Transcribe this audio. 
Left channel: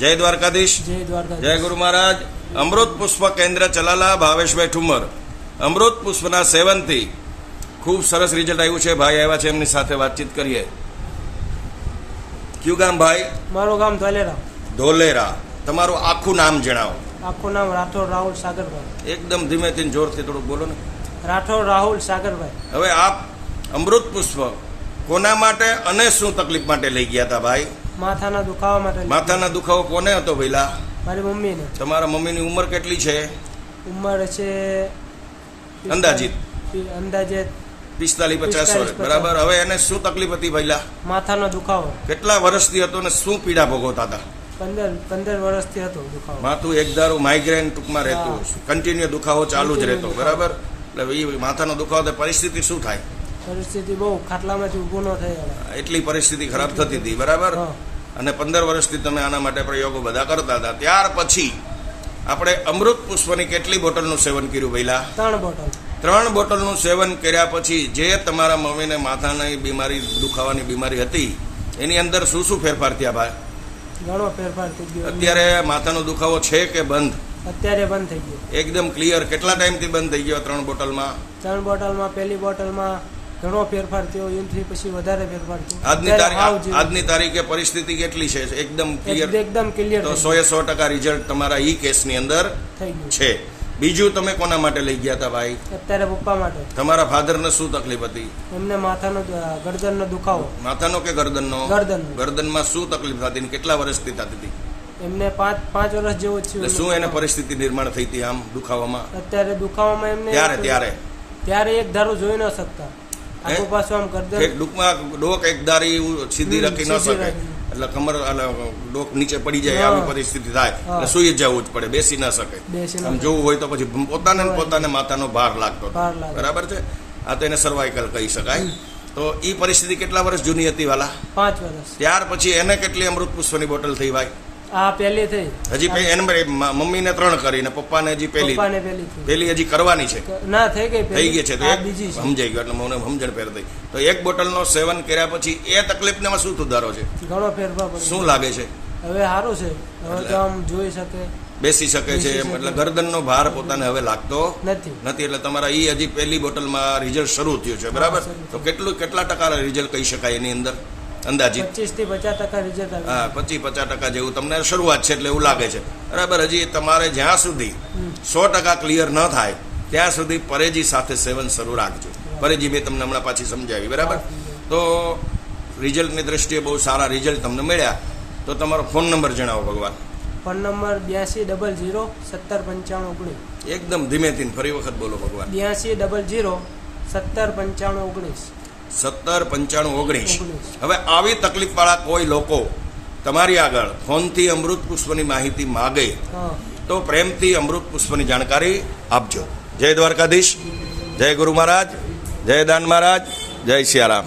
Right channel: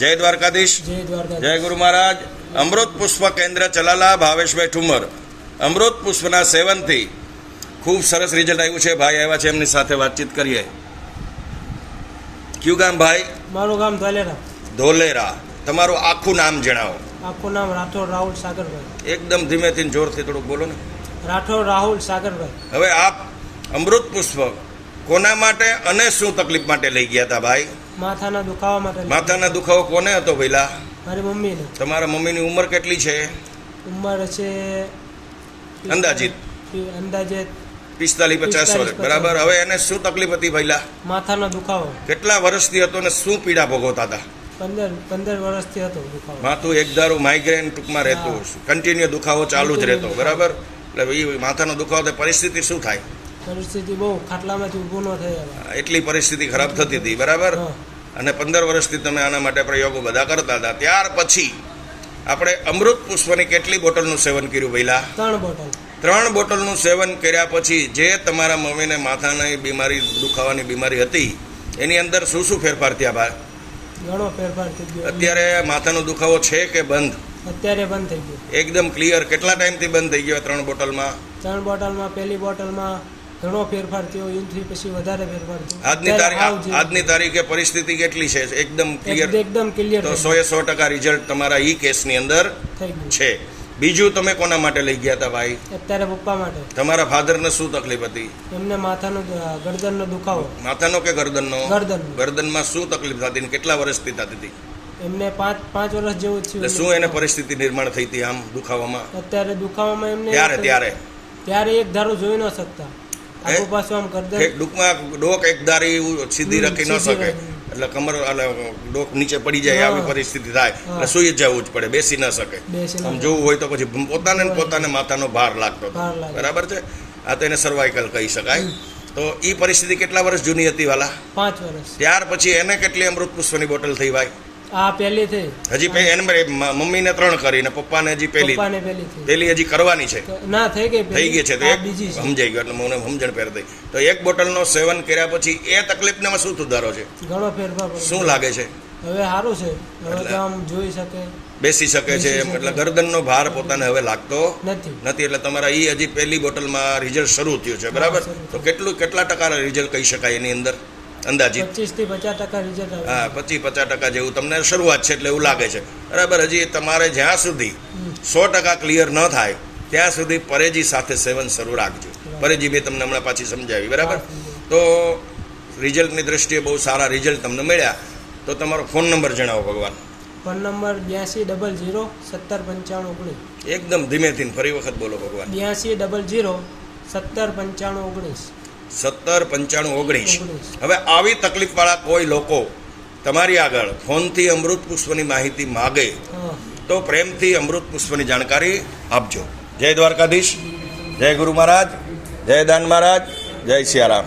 જય દ્વારકાધીશ, જય ગુરુ મહારાજ. અમૃત પુષ્પ કેન્દ્ર ચલાલા ભાવેશભાઈ ઠુમર. અમૃત પુષ્પના સેવનથી ખૂબ સરસ રિઝલ્ટ આવ્યું છે. ભાઈ આવ્યા છે, એમની સાથે વાતચીત કરીએ. કયું ગામ ભાઈ? મારું ગામ ધોલેરા. ધોલેરા. તમારું આખું નામ જણાવો. આખું નામ રાઠોડ રાહુલ સાગરભાઈ. એકદમ ધીમેથી જોરથી થોડુંક બોલો ને. રાઠોડ રાહુલ સાગરભાઈ. હવે આપ અમૃત પુષ્પ કોના માટે અને શું તકલીફ માટે લઈ ગયા હતા ભાઈ? માથાના દુખાવા માટે. માથાના દુખાવો કોને હતો ભઈલા? મારી મમ્મીને. તમારા મમ્મીની ઉંમર કેટલી છે? ઉંમર છે અંદાજિત 45-50 વર્ષ. બરાબર. હવે એને શું તકલીફ હતી ભઈલા? માથાનો દુખાવો. કેટલા વર્ષથી હતો ને શું પીડા ભોગવતા હતા? 15 વર્ષથી હતો દુખાવો. માથું એકધારું માઇગ્રેન ટૂંકમાં રહેતું, કન્ટિન્યુ દુખાવો ચાલુ જ રહેતો. બરાબર. એટલે એ માથાનો દુખાવો પરિસ્થિતિ શું થાય? પરિસ્થિતિ બહુ ખાટલામાંથી ઊભો ન થાય. એટલી પરિસ્થિતિ ખરાબ થતી હતી. બરાબર. અને 15 વર્ષથી તમે આના માટે પ્રયોગો બધા કરતા હતા. ત્યાર પછી આપણે અમૃત પુષ્પની કેટલી બોટલનું સેવન કર્યું ભઈલા? 3 બોટલ. 3 બોટલનું સેવન કર્યા પછી જે તમારા મમ્મીને માથાની બીમારી, દુખાવાની બીમારી હતી, એની અંદર શું શું ફેરફાર થયા ભાઈ? ઘણો ફેરફાર થઈ ગયો. અત્યારે માથાનો દુખાવો છે કે બંધ? અત્યારે બંધ થઈ ગયો. એકદમ ક્લિયર. કેટલા ટાઈમથી બંધ થઈ ગયો? 3 બોટલમાં. 3 બોટલમાં પહેલી બોટલમાં ઘણો ફેરફાર થયો, એનાથી પછી વધારે ફેરફાર થયો. આજની તારીખે પરિસ્થિતિ કેટલી છે? એકદમ ક્લિયર. એકદમ ક્લિયર. તો 100% રિઝલ્ટ તમારા ઈ કેસની અંદર થઈ ગયું છે. બીજું તમે કોના માટે લઈ ગયા હતા ભાઈ? અત્યારે પપ્પા માટે. તમારા ફાધરને શું તકલીફ હતી? એમને માથાનો ગરદનનો દુખાવો. માથાનો કે ગરદનનો? ગરદન. ગરદનમાં શું તકલીફ થતી? કેટલા વર્ષથી થતી હતી? એમને 5 વર્ષ જેવું થયું. શું એને પરિસ્થિતિ નિર્માણ થઈ હતી આમ દુખાવામાં? અત્યારે દુખાવામાં એમને ત્યારે એક ધારું જોઈ ન શકતા. આગુ પાછું આમ ગરદન ડોક એક ધારી સીધી રાખી ન શકે, એટલે કમર ડોક નીચે પડી જાય આવી પરિસ્થિતિ થાય. એટલે સુઈ જવું જ પડે, બેસી ન શકે. આમ જોવું હોય તો પછી પોતાને માથાનો ભાર લાગતો. બરાબર છે. આ તો એને સર્વાઇકલ કહી શકાય. તો ઈ પરિસ્થિતિ કેટલા વર્ષ જૂની હતી વાલા? 5 વર્ષ. ત્યાર પછી એને કેટલી અમૃત પુષ્પની બોટલ થઈ ભાઈ? આ પહેલી થઈ. હજી એને મમ્મીને 3 કરી ને પપ્પાને હજી પહેલી હજી કરવાની છે. ના થઈ ગઈ છે. સમજાઈ ગયો. એટલે મને સમજણ પેર થઈ. તો 1 બોટલનો સેવન કર્યા પછી એ તકલીફને શું સુધારો છે? ઘણો ફેરફાર. શું લાગે છે? હવે સારું છે. હવે તો આમ જોઈ શકે, બેસી શકે છે. એટલે ગરદનનો ભાર પોતાને હવે લાગતો નથી. એટલે તમારા ઈ હજી પહેલી બોટલમાં રિઝલ્ટ શરૂ થયું છે. બરાબર. તો કેટલા ટકા રિઝલ્ટ કહી શકાય એની અંદર અંદાજિત? 25-50% રિઝલ્ટ આવે. હા, 25-50% જેવું તમને શરૂઆત છે એટલે એવું લાગે છે. બરાબર. હજી તમારે જ્યાં સુધી 100% ક્લિયર ન થાય ત્યાં સુધી પરેજી સાથે સેવન શરૂ રાખજો. પરેજી મેં તમને હમણાં પાછી સમજાવી. બરાબર. તો રિઝલ્ટની દ્રષ્ટિએ બહુ સારા રિઝલ્ટ તમને મળ્યા. તો તમારો ફોન નંબર જણાવો ભગવાન. Phone number 8200-179519. એકદમ ધીમેથી ફરી વખત બોલો ભગવાન. 8200-179519. 179519. હવે આવી તકલીફ વાળા કોઈ લોકો તમારી આગળ ફોનથી અમૃત પુષ્પની માહિતી માગે તો પ્રેમથી અમૃત પુષ્પની જાણકારી આપજો. જય દ્વારકાધીશ, જય ગુરુ મહારાજ, જય દાન મહારાજ, જય સિયારામ.